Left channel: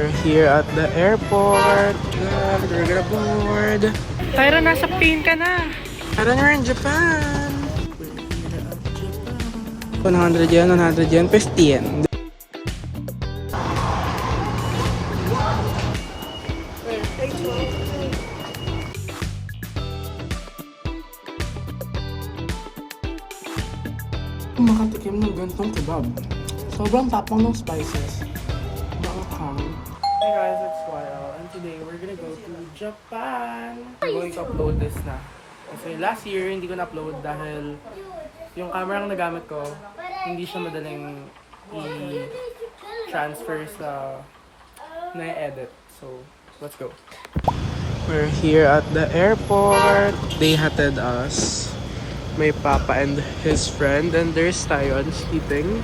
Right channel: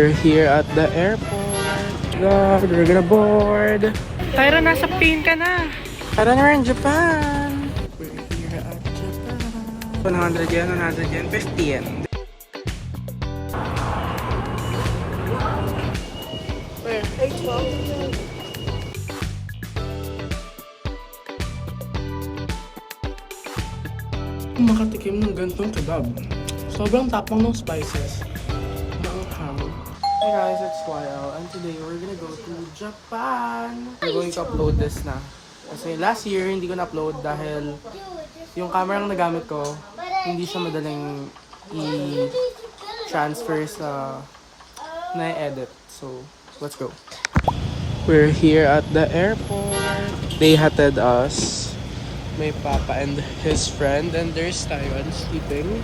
We're here at the airport. We're gonna board. Tyra, nasa plane ka na. Tyra, we're in Japan. We're here at Japan. 100 yen, 100 yen, 50 yen. Makatikim ng gantong kebab. Sobrang tapang ng spices. Hey guys, it's Royal, and today we're gonna go to Japan. I'm going to upload this na. Kasi last year, hindi ko na-upload dahil yung camera na nagamit ko, hindi siya madaling i-transfer sa na-edit. So, let's go. We're here at the airport. They hatted us. May Papa and his friend, and there's Tyon sleeping.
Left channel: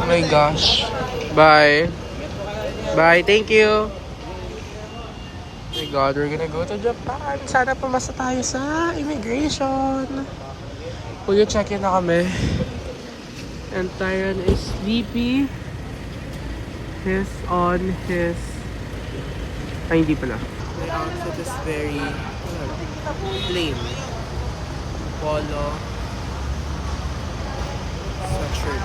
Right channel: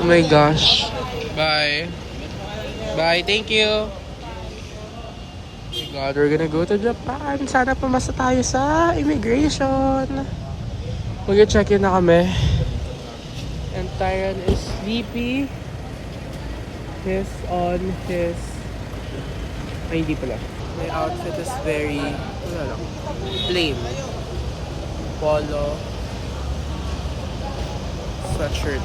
Oh my gosh. Bye. Bye. Thank you. Oh my God, we're gonna go to Japan. Sana pumasa tayo sa immigration. Mag-check in na kami. And Tyron is sleepy. He's on his... Ay, hindi pala. My outfit is very... Wala lang. Plain. Polo. Sweatshirt.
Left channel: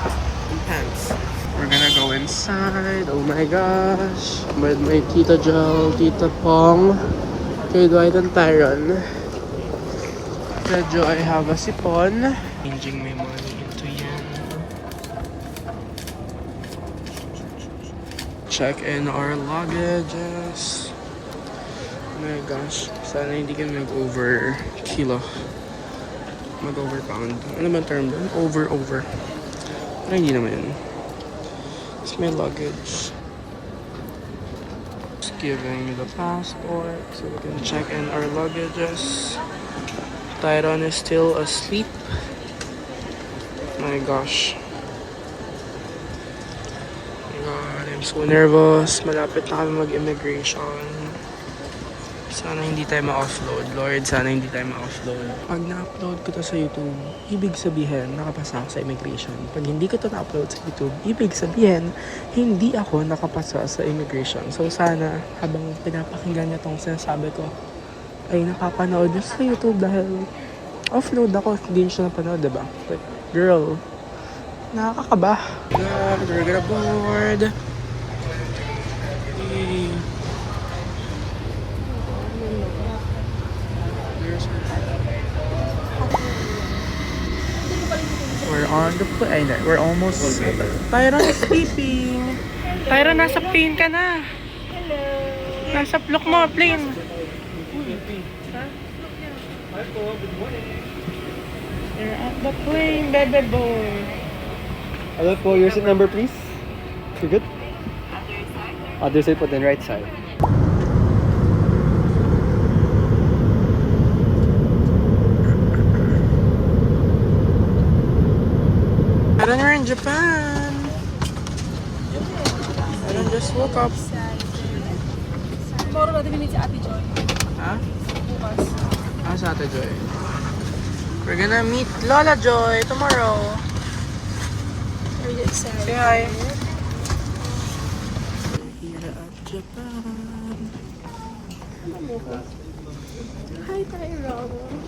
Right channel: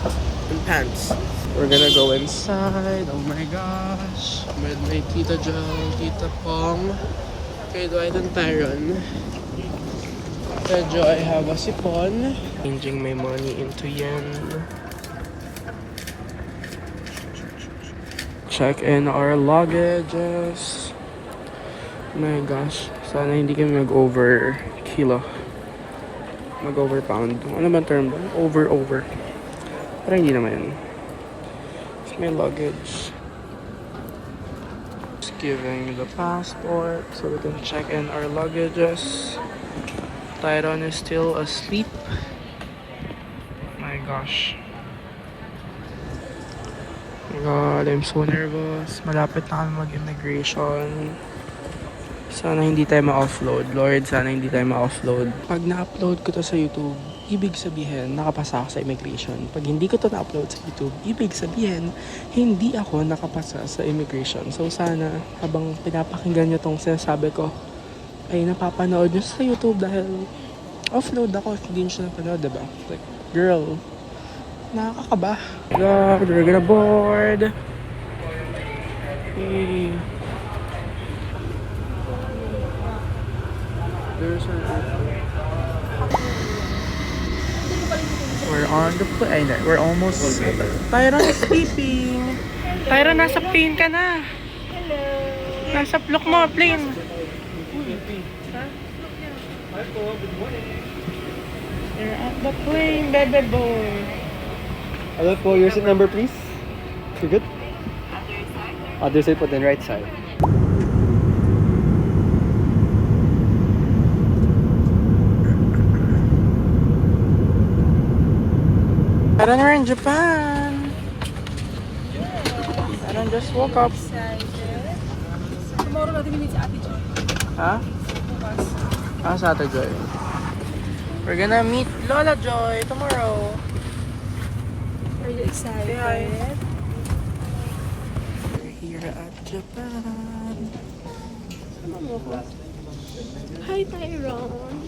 And pants. We're gonna go inside. Oh my gosh. With my Tita Jel, Tita Pong, kay Dwight and Tyron. Medyo I have a sipon. Changing my money into yen. Check in our luggages. Oh my gosh. Sana hindi kami mag-over kilo. Mag-over pound. Ano ba term doon? Over. Parang hindi naman yun. It's my luggage. Just giving the passport so we can check in our luggages. Tyron is still asleep. My gosh. Oh my God, I'm so nervous. Malapit na kami mag-immigration. Sana hindi tayo ma-offload. Lord, sana hindi tayo ma-offload. Pag na-upload ko to sa YouTube, ibig sabihin, nakapasa ako sa immigration. Pag hindi ko to na-upload sa YouTube, ibig sabihin, hindi ako nakapasa sa immigration. So sana, habang pinapakinggan nyo tong sinasabi ko, ay napapanood nyo sa YouTube dahil offload ako. Hindi nyo siya napanood, diba? Like, girl, nakakaba. God, we're gonna board. Hey. We're on the plane. We're almost... Tyron is sleeping. Tyron, nasa plane ka na. Hello. Nasa look mo, plane. You're at the plane, baby boy. Hello po, your seat number please. You good? Other side po, then right side. Tyron, we're in Japan. Tyron just woke up. Tomorrow natin minit si Ate Joy. Ha? Bukas. Sa Ate Joy. We're gonna meet Lola Joy tomorrow. Really excited. Say hi. We're here at Japan. Hi, Tyron.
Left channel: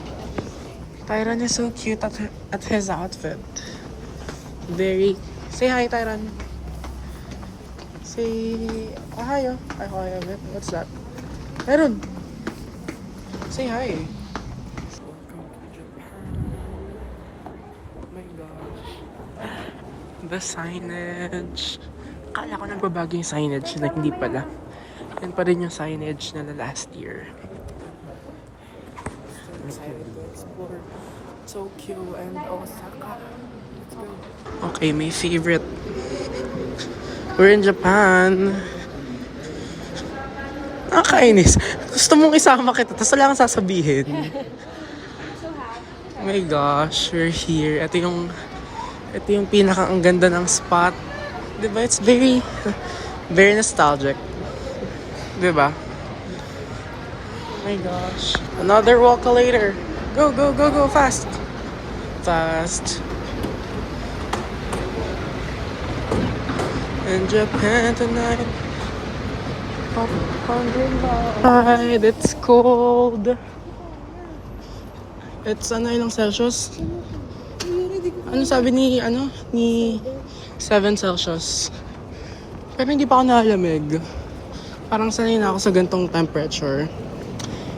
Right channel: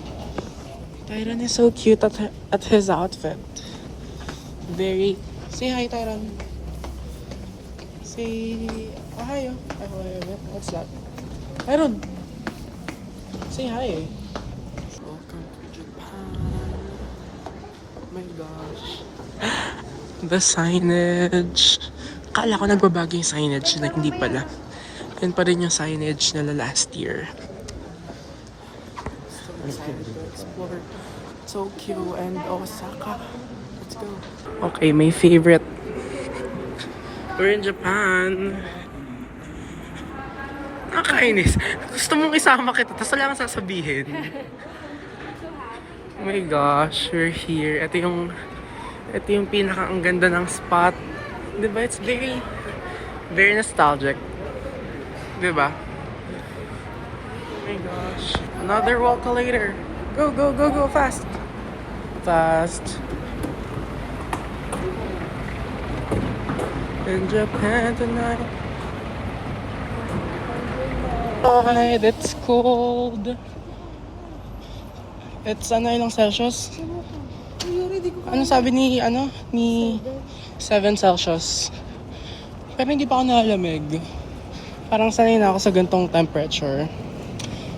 Tyron is so cute at his outfit. Very... Say hi, Tyron. Say... hi, oh. Hi, hi, what's that? Tyron! Say hi. Welcome to Japan. Oh my gosh. The signage. Akala ko nagbabago yung signage na hindi pala. Yan pa rin yung signage nila last year. So excited to explore Tokyo and Osaka. Let's go. Okay, my favorite. We're in Japan. Nakakainis. Gusto mong isama kita, tapos wala kang sasabihin. Oh my gosh, we're here. Ito yung pinaka ang ganda ng spot. Diba? It's very nostalgic. Diba? Oh my gosh. Another walk later. Go, fast. Fast. In Japan tonight. Alright, it's cold. It's ilang Celsius? Ano sabi ni 7 Celsius. Pero hindi pa ako nalamig. Parang sanay na ako sa gantong temperature.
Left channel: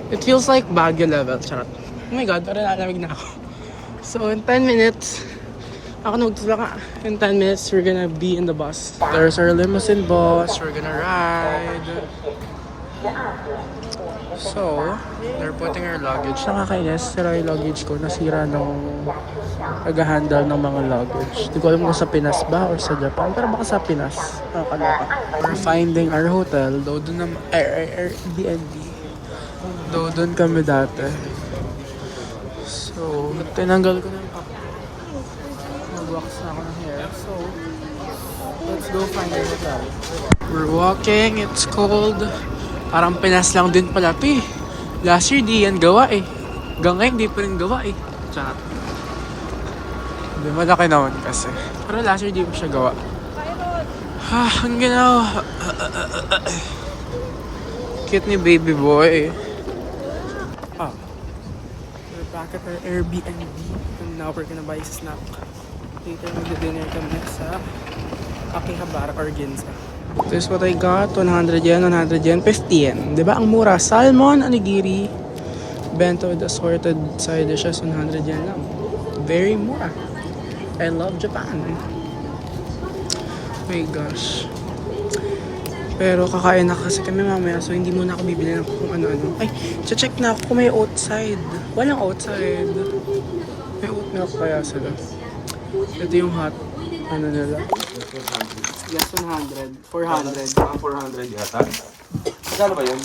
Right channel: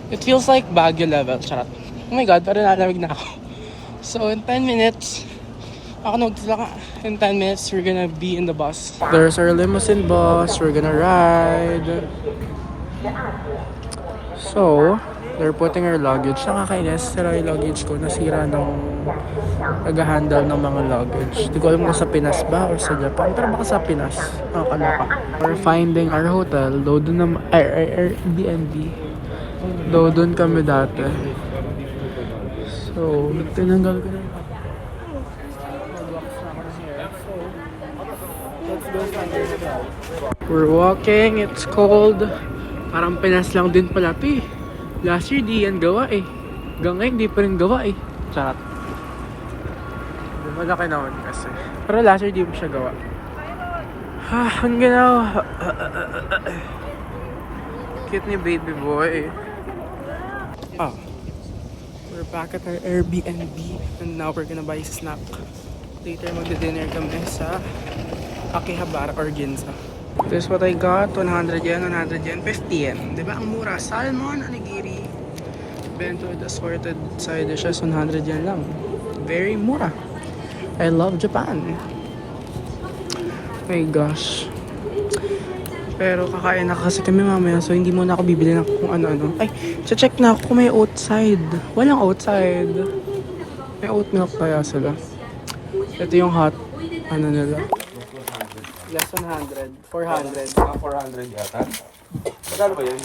It feels like Baguio level. Charot. Oh my god, pero nalamig na ako. So in 10 minutes, in 10 minutes, we're gonna be in the bus. There's our limousine bus. We're gonna ride. So, they're putting our luggage. Nakakainis. Sira yung luggage ko. Nasira daw. Nag-handle ng mga luggage. Hindi ko alam kung sa Pinas ba o sa Japan. Pero baka sa Pinas. Nakakaloka. We're finding our hotel. Though dun naman, Airbnb. Though dun kami dati. So, tinanggal ko na yung up. Nag-wax na ako ng hair. So, let's go find our hotel. We're walking. It's cold. Parang Pinas lang din pala ito eh. Last year di yan gawa eh. Hanggang ngayon di pa rin gawa eh. Charot. Hindi malaki naman kasi. Pero last year di pa siya gawa. Ang ganaw. Cute ni baby boy. Oh. We're back at our Airbnb. And now we're gonna buy snack. Later magdi-dinner kami sa Akihabara or Ginza. This is what I got. 100 yen, 100 yen, 50 yen. Diba ang mura? Salmon, onigiri, bento with assorted side dishes, 100 yen lang. Very mura. I love Japan. My gosh. Pero kakain na kasi kami mamaya, so hindi muna ako bibili ng kung ano-ano. Ay, check na ako kung may outside. Walang outside. May oat milk kaya sila. Ito yung hot. Ano nila? Yes, 100. 400. 400 yata. Magkano ba yun?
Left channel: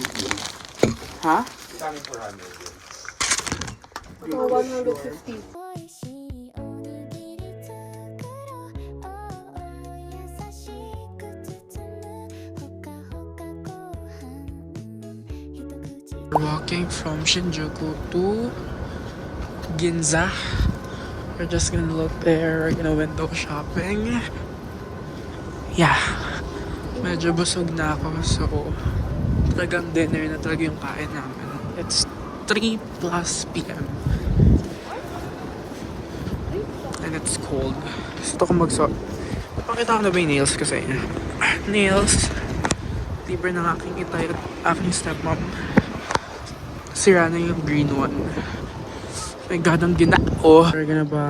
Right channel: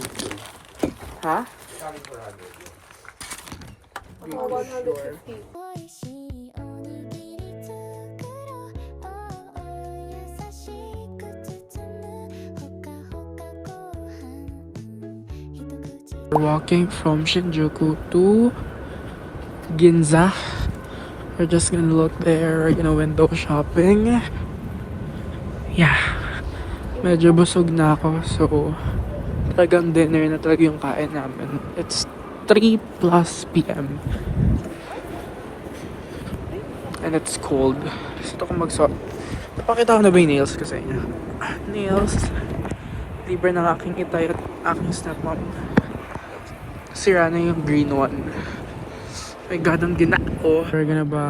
Ha? Magkano 400 yun? 150. 美味しいおにぎり作ろう優しく包むほかほかご飯一口 We're walking from Shinjuku to Ginza. We're just gonna look there. We're gonna window shopping. Yeah. Medyo busog na ako, so talagang dinner na talaga yung kain namin. It's 3 plus p.m. And it's cold. Gusto ko magsuot. Napakita ko na ba yung nails ko sa inyo? Nails. Libre ng aking itay at aking stepmom. Sira na yung green one. My god, ang ginao. We're gonna buy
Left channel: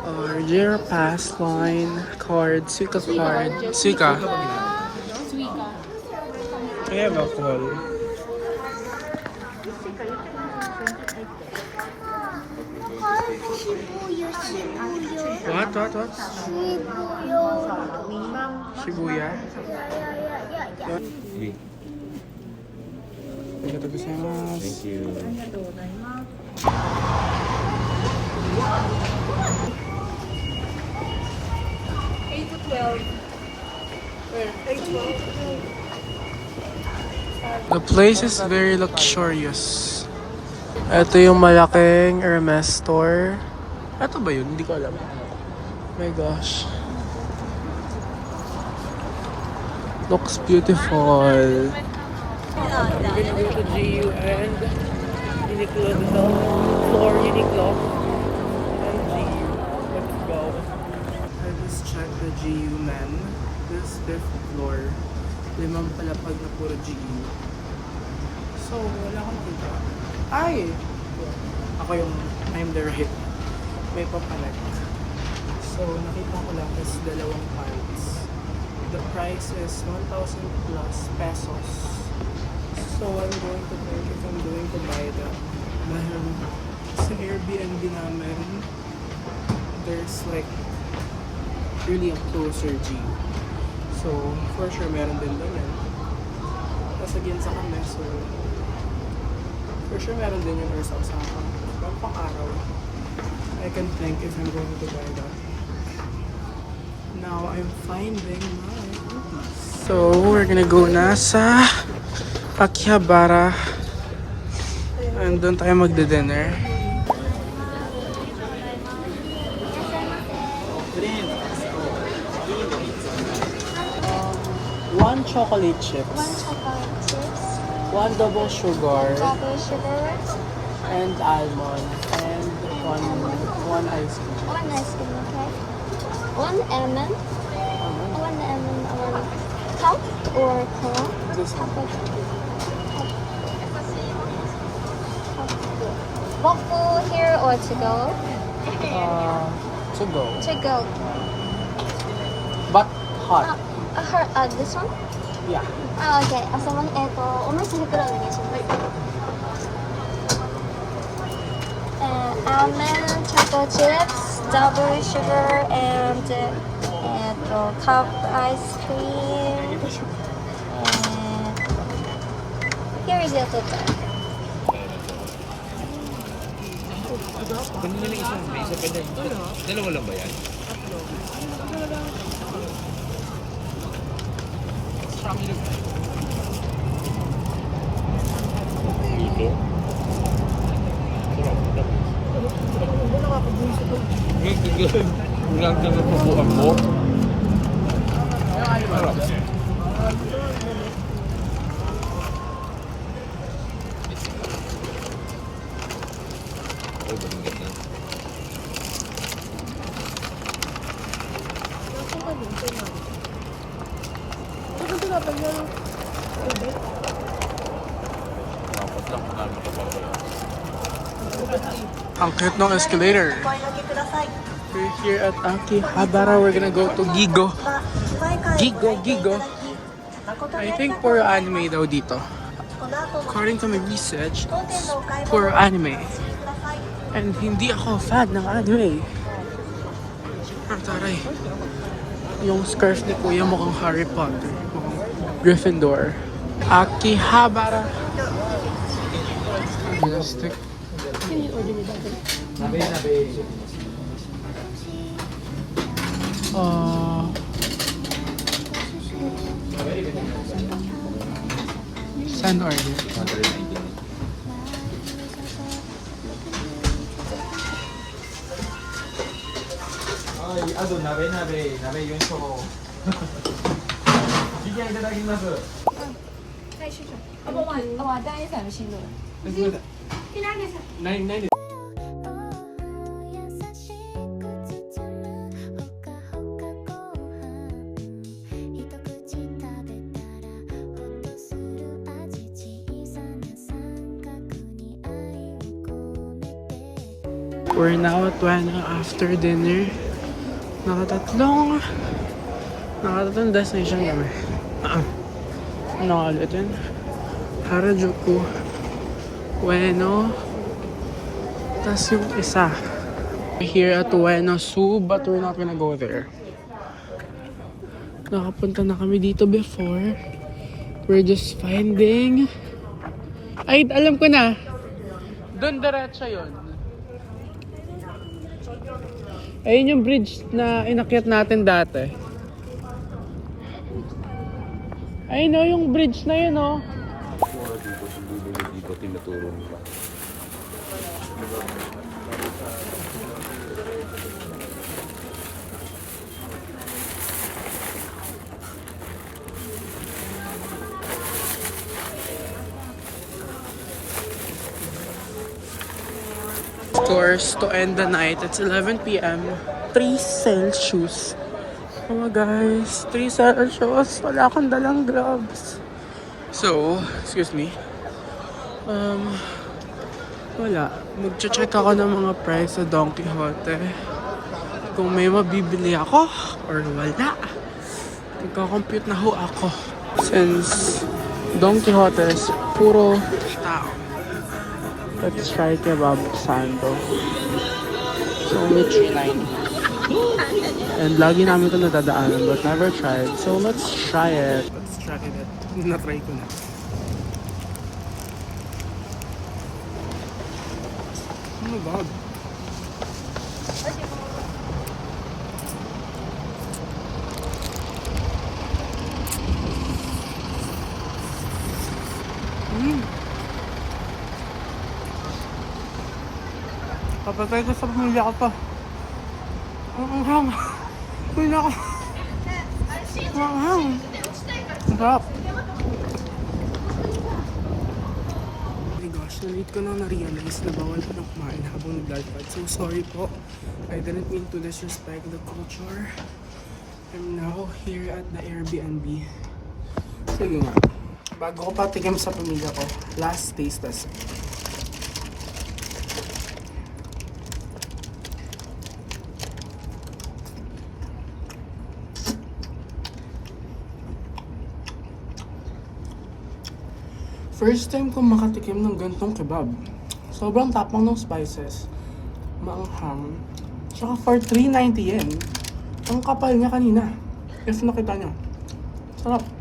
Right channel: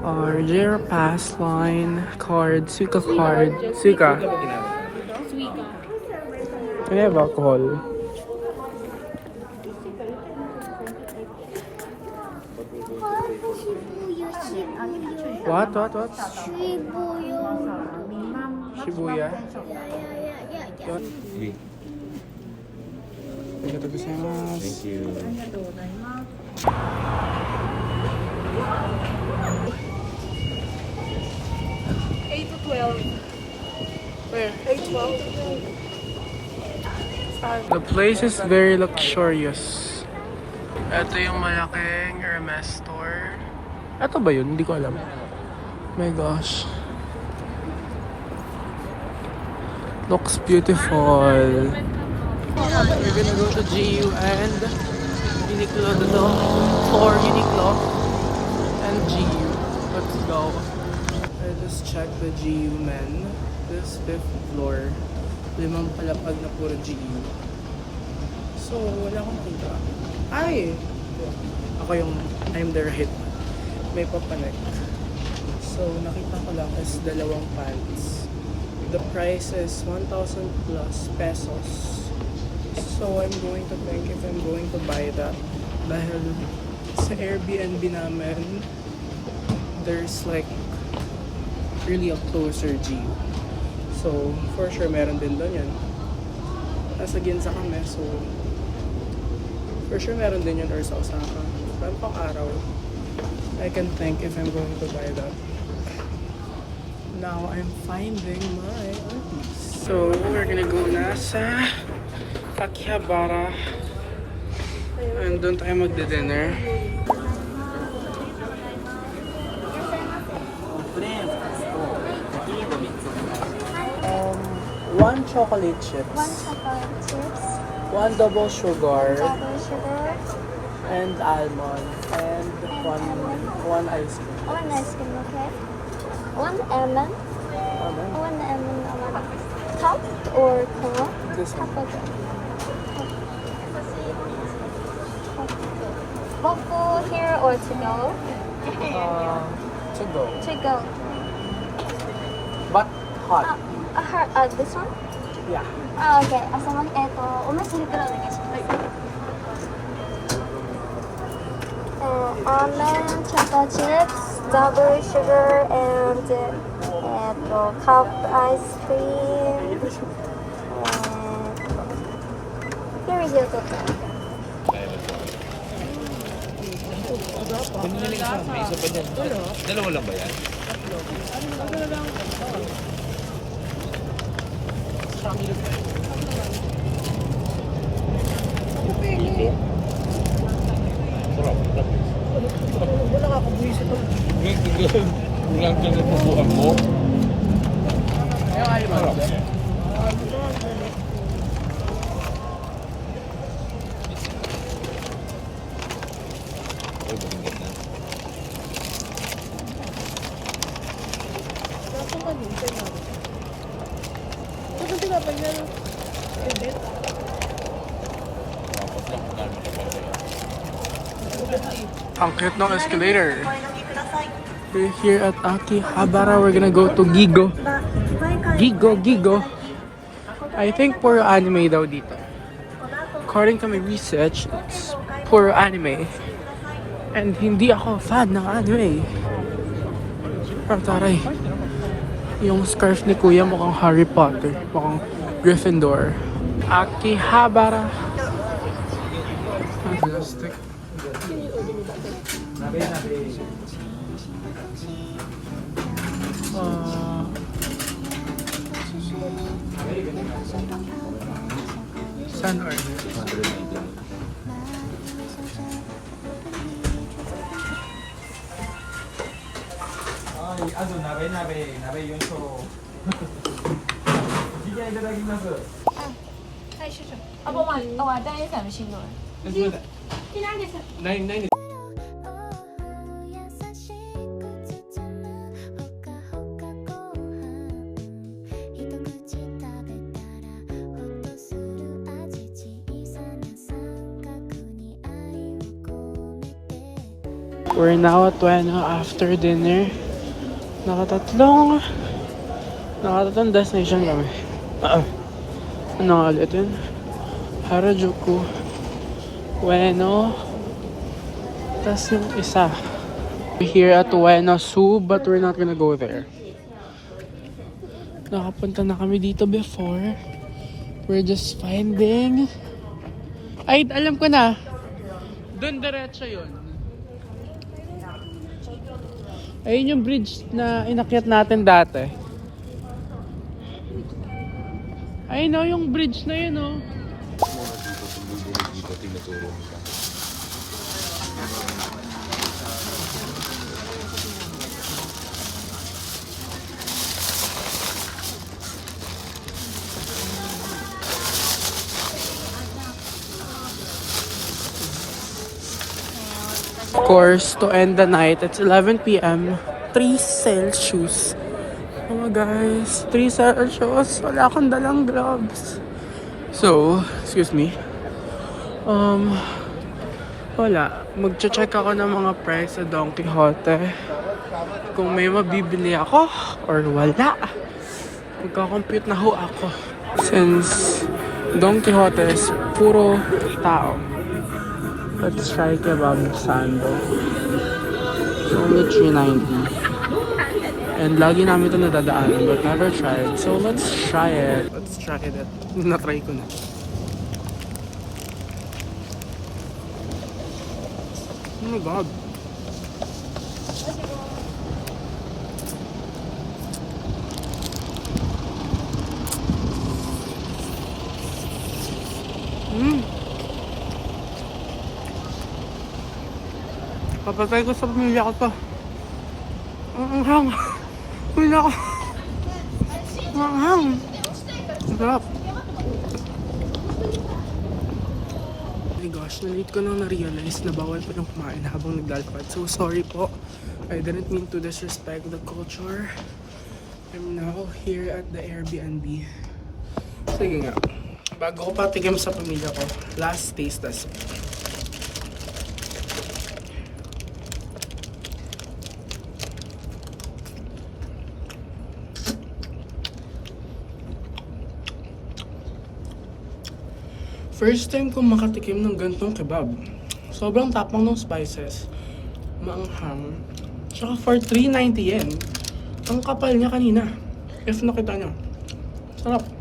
our year pass line card, Suica card. Suica. Kaya ba alcohol? What? Shibuya? Yun. Arigatou gozaimasu. Thank you. The place is very luxurious. Ito yung malaking Hermes store. Ito ba yun? Hindi ko alam. Oh my gosh. Looks beautiful. We're gonna go to GU and Uniqlo, the floor Uniqlo and GU. Let's go. I just checked the GU men. This 5th floor. 5 palapag na puro GU. So, wala akong nakita. Ay! Ako yung, I'm the right. May papanek. So, nakita ko lang is 2 pants. The price is 1,000 plus pesos. So, I'm going to think if I'm going to buy that. Dahil sa Airbnb namin, there's like really a closer GU. So, for sure, meron din doon yan. Nasa Ginza kami, so for sure meron din yun or sa Osaka. Pero pang araw, I can think if I'm going to buy that. Now, I'm finding my aunties. So, we're gonna go na sa Akihabara. And doon tayo magdi-dinner. one chocolate chips, one chocolate chips, one double sugar, double sugar, and almond, and one ice cream. one ice cream, okay? One almond, Almond? one cup or cone? This one. Cup, okay. Cup. Waffle here or to go? To go. To go. But hot. This one? Yeah. Okay. おめそれくらいお願いします。Almond, chocolate chips, double sugar, and cup ice cream. And here is your total. Dalawa lang ba yan? Kulang ka sa pupuan mo. Ang cute ng escalator. We're here at Akihabara. We're gonna go to Gigo. Gigo. I think puro anime daw dito. According to my research, it's puro anime. And hindi ako fan ng anime. Pero taray. Yung scarf ni Kuya mukhang Harry Potter. Mukhang Gryffindor. Akihabara. Plastic. San order? Ay, nabe yun so. Bigyan itadakimasu. ないです。優しく包むほかほかご飯一口食べたらほっとする味小さな三角に愛を込めて We're now at Ueno after dinner. Nakatatlong destination kami. Ano nga ulitin? Harajuku, Ueno, tas yung isa. We're here at Ueno Zoo, but we're not gonna go there. Nakapunta na kami dito before. We're just finding... Ay, alam ko na. Doon diretso yun. Ayun yung bridge na inakyat natin dati. Ayun o, yung bridge na yun o. Of course, to end the night, it's 11 p.m. 3 Celsius. Oh my gosh, 3 Celsius. Wala akong dalang gloves. So, excuse me. Wala. Magche-check ako ng mga price sa Don Quijote. Kung may mabibili ako or wala. Magka-compute na ho ako. Since Don Quijote is puro tao. Let's try kebab sando. So, only $2.90. And lagi namin ito nadadaanan, but never tried. So, let's try it. Let's try it. Na-try ko na. Oh my God. Papatay ko sa pamilya ko to. Ang hang. Pwede ako. Ang hang. Sarap! Oh my gosh, na-late ko nang na-realize na bawal pa nang kumain habang naglalakad. So sorry po. I didn't mean to disrespect the culture. I'm now here at the Airbnb. Sige nga. Bago ko patikim sa pamilya ko, last taste test. First time kong makatikim ng gantong kebab. Sobrang tapang ng spices. Maanghang. Tsaka for 390 yen. Ang kapal niya kanina. If nakita niyo. Sarap.